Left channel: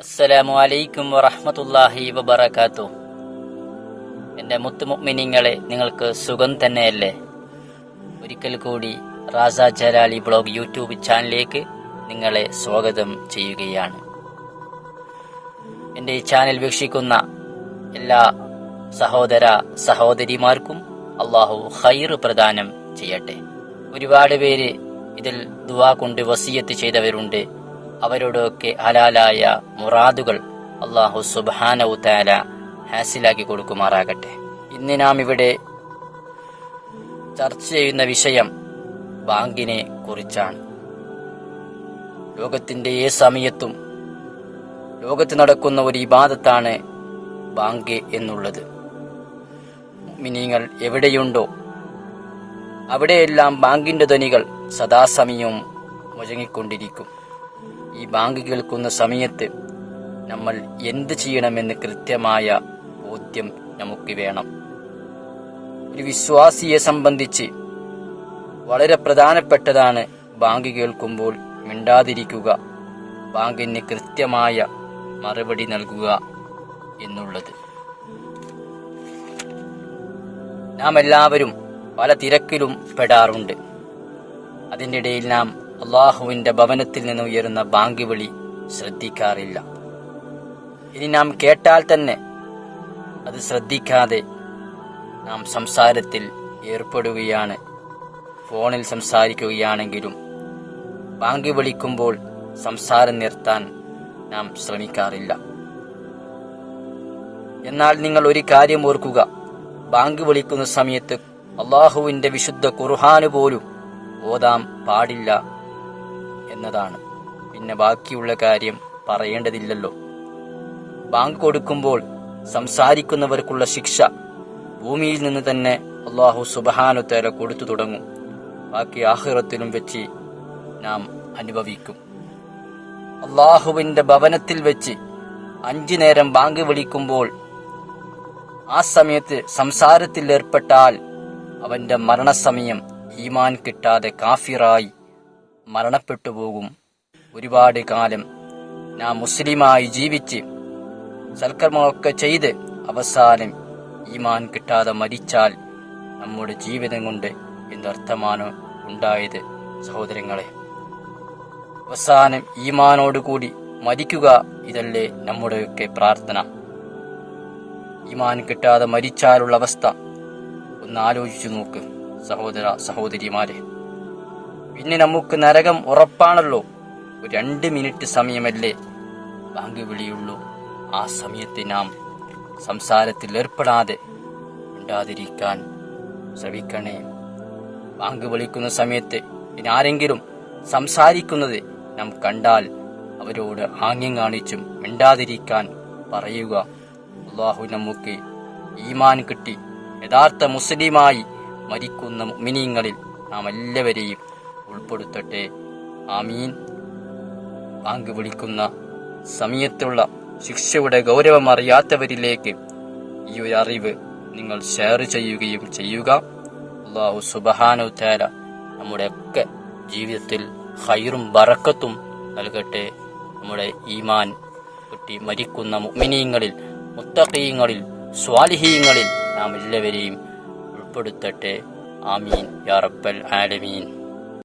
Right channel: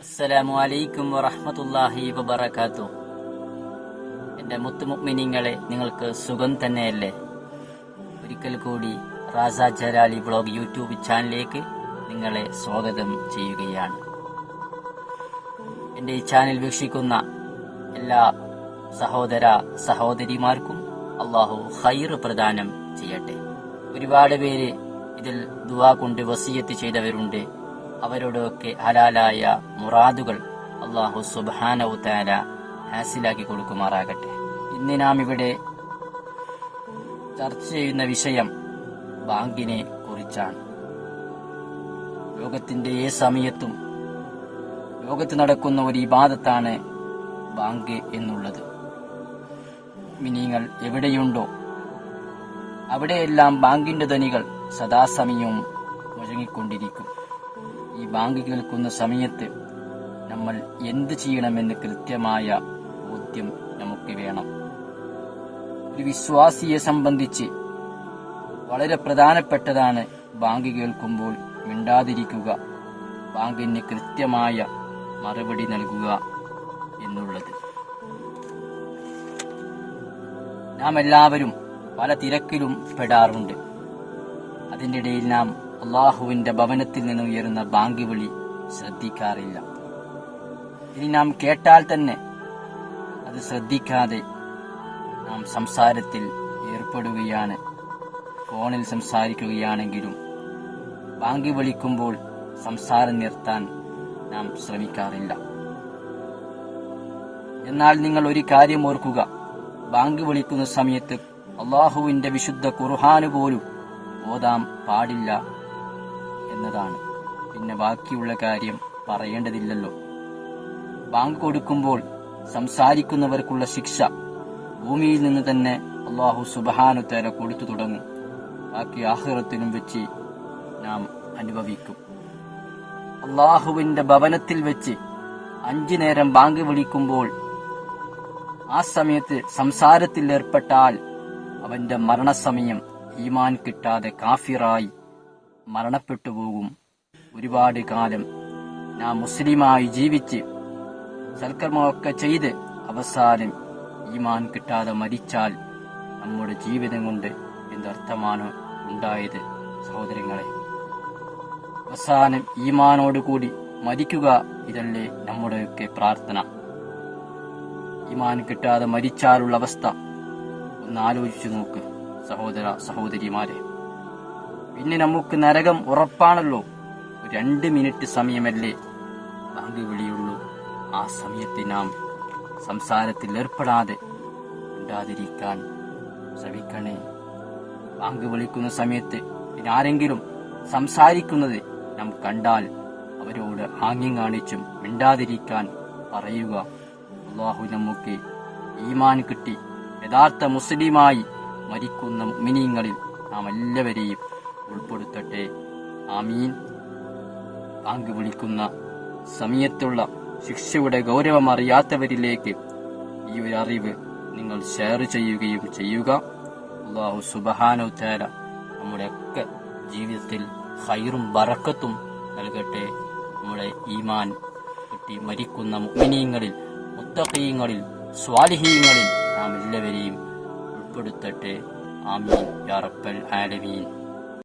അസ്സലാമു അലൈക്കും വറഹമത്തല്ലാഹി വബറകാത്തു. എന്റെ മുത്തുമുഅ്മിനീങ്ങളെ നിങ്ങൾക്ക് സുഖം തന്നെയല്ലേ? ഒരിക്കൽ കൂടി റാസ ജലാലി ബ്ലോഗ് യൂട്യൂബ് ചാനലിലേക്ക് നിങ്ങളെ സ്വാഗതം ചെയ്യുകയാണ്. എന്റെ ഈ ചാനൽ വീക്ഷിക്കുന്ന എല്ലാ സഹോദര സഹോദരിമാർക്കും അള്ളാഹു ഹൈർ പ്രദാനം ചെയ്യട്ടെ. ഒരുപാട് പേര് ഇതിൽ ദുവാ കൊണ്ട് വസീയത്ത് ചെയ്തവരുണ്ട്. അവരോടൊക്കെ ഹലാലായ മുറാദുകൾ അള്ളാഹു സുബാനവു താല ഹാസിലാക്കി കൊടുക്കുമാറാകട്ടെ. ഇന്ന് നാം ഇവിടെ ചർച്ച ചെയ്യുന്ന വിഷയം ബാങ്കിനെ കുറിച്ചാണ്. ലോകത്തിന്റെ ഏ സമയത്തും ലോകത്ത് നടക്കുന്ന ഒരു ഇബാദത്താണ് ബാങ്ക് എന്നുള്ളത്. മിനിങ്ങൾ എവിടെയുണ്ടോ അവിടെയെല്ലാം ബാങ്കിന്റെ ധ്വനികൾ സദാസമയവും മുഴങ്ങിക്കൊണ്ടിരിക്കും. ഈ ബാങ്ക് കേൾക്കുന്ന സമയത്ത് നമ്മൾ എന്ത് ചെയ്യണമെന്ന് കൃത്യമായ ബോധ്യം നമുക്ക് വേണം. ഒരു വിശ്വാസിയെ സംബന്ധിച്ച് വളരെ പ്രധാനപ്പെട്ടതാണ് ബാങ്ക് കേൾക്കുമ്പോൾ മിണ്ടാതിരിക്കുക. ബാങ്കിന് കൃത്യമായ മറുപടി നൽകുക എന്നുള്ളത്. നാം എല്ലാവരും പല തിരക്കിലും പെടാറുണ്ട്. അതിനിടയിൽ നാം അള്ളാഹുവിന്റെ ഭവനത്തിൽ നിന്ന് ഉയരുന്ന ബാങ്ക് വിളി ശ്രദ്ധിക്കാറില്ല. ഇനി നാം കേട്ടാൽ തന്നെ അത് ശ്രദ്ധിക്കാതെ നാം സംസാരത്തിൽ ഏർപ്പെടുകയാണ്. ഫോണിൽ സംസാരിക്കുകയാണെങ്കിലും ബാങ്ക് വിളിക്കുമ്പോൾ സംസാരം നിർത്താൻ നാം ശ്രമിക്കാറില്ല. എന്നാൽ നിങ്ങൾ ഒരു കാര്യം ഓർക്കുക. ബാങ്ക് വിളിക്കുന്ന സമയത്ത് അള്ളാഹുവിന്റെ വിശുദ്ധ ഖുർഹാന് പോലും ഓതാം പാടില്ല എന്നതാണ്. പിന്നെ ബാക്കിയുള്ള കാര്യം പറയേണ്ടതില്ലല്ലോ. ബാങ്ക് കൊടുക്കുമ്പോൾ സംസാരിക്കുന്നവർക്കുള്ള ശിക്ഷ ഭൂമിയിൽ നിന്ന് തന്നെ അള്ളാഹു സുബഹാനുത്തേല കൊടുത്തു തുടങ്ങും. ബാക്കി ആഹ്റത്തിലും വെച്ച് നാം അനുഭവിക്കും. അള്ളാഹുവിന്റെ ഭവനത്തിൽ വെച്ച് അഞ്ചു നേരം ബാങ്ക് വിളിക്കുമ്പോൾ ആ സമയത്ത് സംസാരത്തിൽ ഏർപ്പെട്ടാൽ അവന്റെ മരണസമയം ഈമാൻ കിട്ടാതെ കാഫിറായി. മരണപ്പെട്ടു പോകും. ഒരുപാട് കാലം ഞാൻ മുസ്ലിമായി ജീവിച്ച് സൽക്കർമ്മമൊക്കെ ചെയ്ത് അവസാനം ഈമാൻ കിട്ടാതെ മരിച്ചാൽ നമ്മുടെ ജീവിതം കൊണ്ട് എന്തർത്ഥമാണ് ഉണ്ടായത് സഹോദരങ്ങളെ? അവസാനം ഈമാനോടുകൂടി മരിക്കുക ഇതല്ലേ നമ്മുടെയൊക്കെ പ്രാർത്ഥന. ഈമാൻ കിട്ടാതെ മരിച്ചാലുള്ള അവസ്ഥ ഒന്ന് ആലോചിച്ചു നോക്ക് സഹോദര സഹോദരിമാരെ. പിന്നെ നമുക്ക് നരകം ഉറപ്പാണല്ലോ. രണ്ട് മിനിറ്റ് സമയമല്ലേ? ബാങ്ക് വിളിയുള്ളൂ. ആ സമയത്ത് നാം സംസാരത്തിൽ ഏർപ്പെടാതെ ഉണ്ടാതിരിക്കാൻ ശ്രമിക്കണേ. ബാങ്ക് വിളിക്കുന്ന സമയത്ത് ആരെങ്കിലും സംസാരിക്കുന്നത് നാം കണ്ടാൽ അവരോട് ആംഗ്യം കാണിച്ചും മിണ്ടാതിരിക്കാൻ പറയുക. അള്ളാഹു നമുക്ക് ഈമാൻ കിട്ടി. യഥാർത്ഥ മുസ്ലിമായി മരിക്കുന്ന മിനിങ്ങളിൽ നാം എല്ലാവരെയും ഉൾപ്പെടുത്തട്ടെ. ആമീൻ. ബാങ്ക് വിളിക്കുന്ന സമയത്തുള്ള ശിക്ഷയുടെ ഗൗരവം അറിയാത്തവരിലേക്ക് ഈ ഒരു അറിവ് നിങ്ങൾ ഷെയർ ചെയ്യുകയും ചെയ്യുക. അള്ളാഹു സുബഹാനു തേല നമ്മുടെ ഒക്കെ ജീവിതത്തിൽ ഹൈറും ബറക്കത്തും നൽകട്ടെ. നമ്മുടെ ഈമാൻ കുട്ടി മരിക്കുന്ന മുഅ്മിനീങ്ങളിൽ മുത്തഖീങ്ങളിൽ സ്വാലിഹീങ്ങളിൽ നാം എല്ലാവരെയും ഉൾപ്പെടുത്തട്ടെ. ആമീൻ. യാ റബ്ബൽ ആലമീൻ.